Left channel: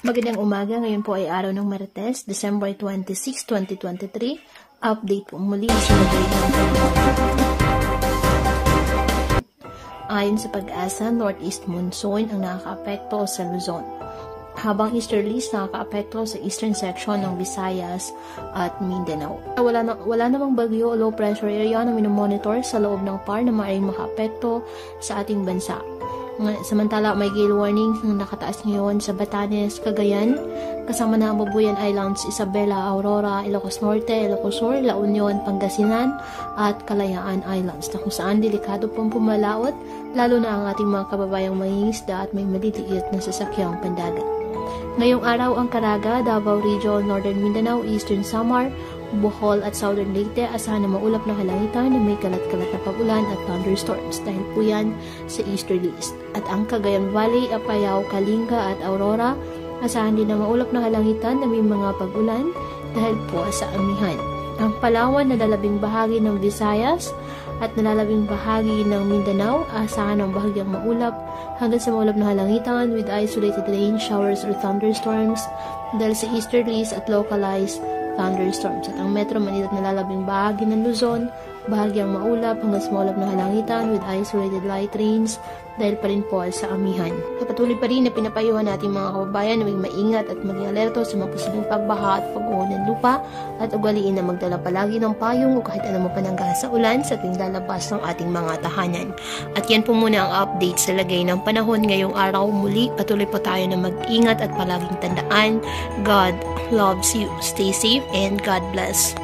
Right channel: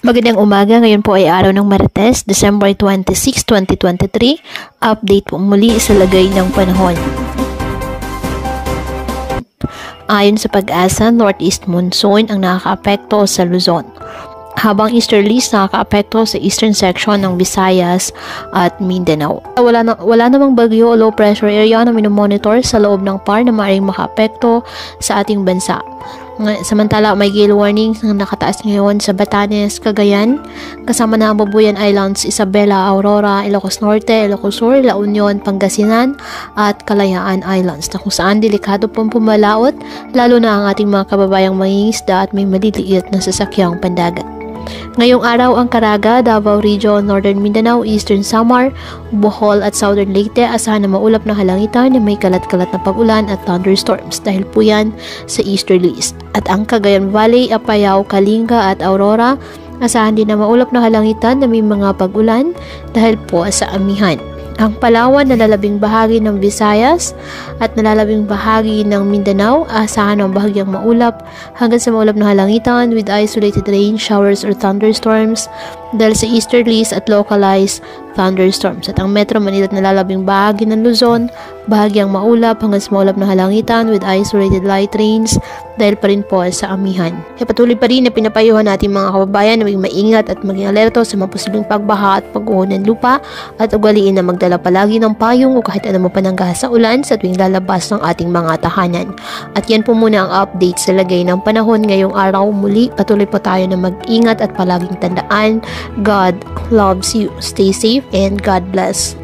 Magandang umaga, ngayon po ay araw ng Martes, December 26, 2023. Update po muli sa lagay ng panahon. Ayon sa Pag-asa, Northeast Monsoon ang nakakaapekto sa Luzon, habang easterlies nakakaapekto sa eastern section ng Visayas at Mindanao. Wala namang bagyo o low pressure area na minomonitor sa loob ng PAR na maaaring makaapekto sa ating bansa. Samantala, may gale warnings na nakataas ngayon sa Batanes, Cagayan, kasama na ang Babuyan Islands, Isabela, Aurora, Ilocos Norte, Ilocos Sur, La Union, Pangasinan at Kalayaan Islands, na kung saan delikado pong pumalaot, lalo na ang ating mga kababayang mangingisda at may maliliit na sasakyang pandagat. Ngayong araw ang Caraga, Davao Region, Northern Mindanao, Eastern Samar, Bohol at Southern Leyte asahan na maulap na kalangitan na may kalat-kalat na pag-ulan at thunderstorms dahil po yan sa easterlies. At ang Cagayan Valley, Apayao, Kalinga at Aurora asahan din na maulap na kalangitan na may mga pag-ulan dahil po sa amihan. Ang Palawan, nalalabing bahagi ng Visayas at nalalabing bahagi ng Mindanao, asahan ng bahagyang maulap hanggang sa maulap na halangitan with isolated rain, showers or thunderstorms dahil sa easterlies at localized thunderstorms. At ang Metro Manila at nalalabing bahagi ng Luzon, bahagyang maulap hanggang sa maulap na halangitan with isolated light rains dahil pa rin po sa amihan. Kaya patuloy pa rin na pinapayuhan natin mga kababayan na maging maingat at maging alerto sa mga posibleng pagbaha at pag-uho ng lupa at ugaliin na magdala palagi ng payong o kahit anong panangga sa ulan sa tuwing lalabas ng ating mga tahanan. At yan po muna ang update sa lagay ng panahon ngayong araw. Muli, patuloy po tayo na mag-ingat at palaging tandaan, God loves you. Stay safe and God bless.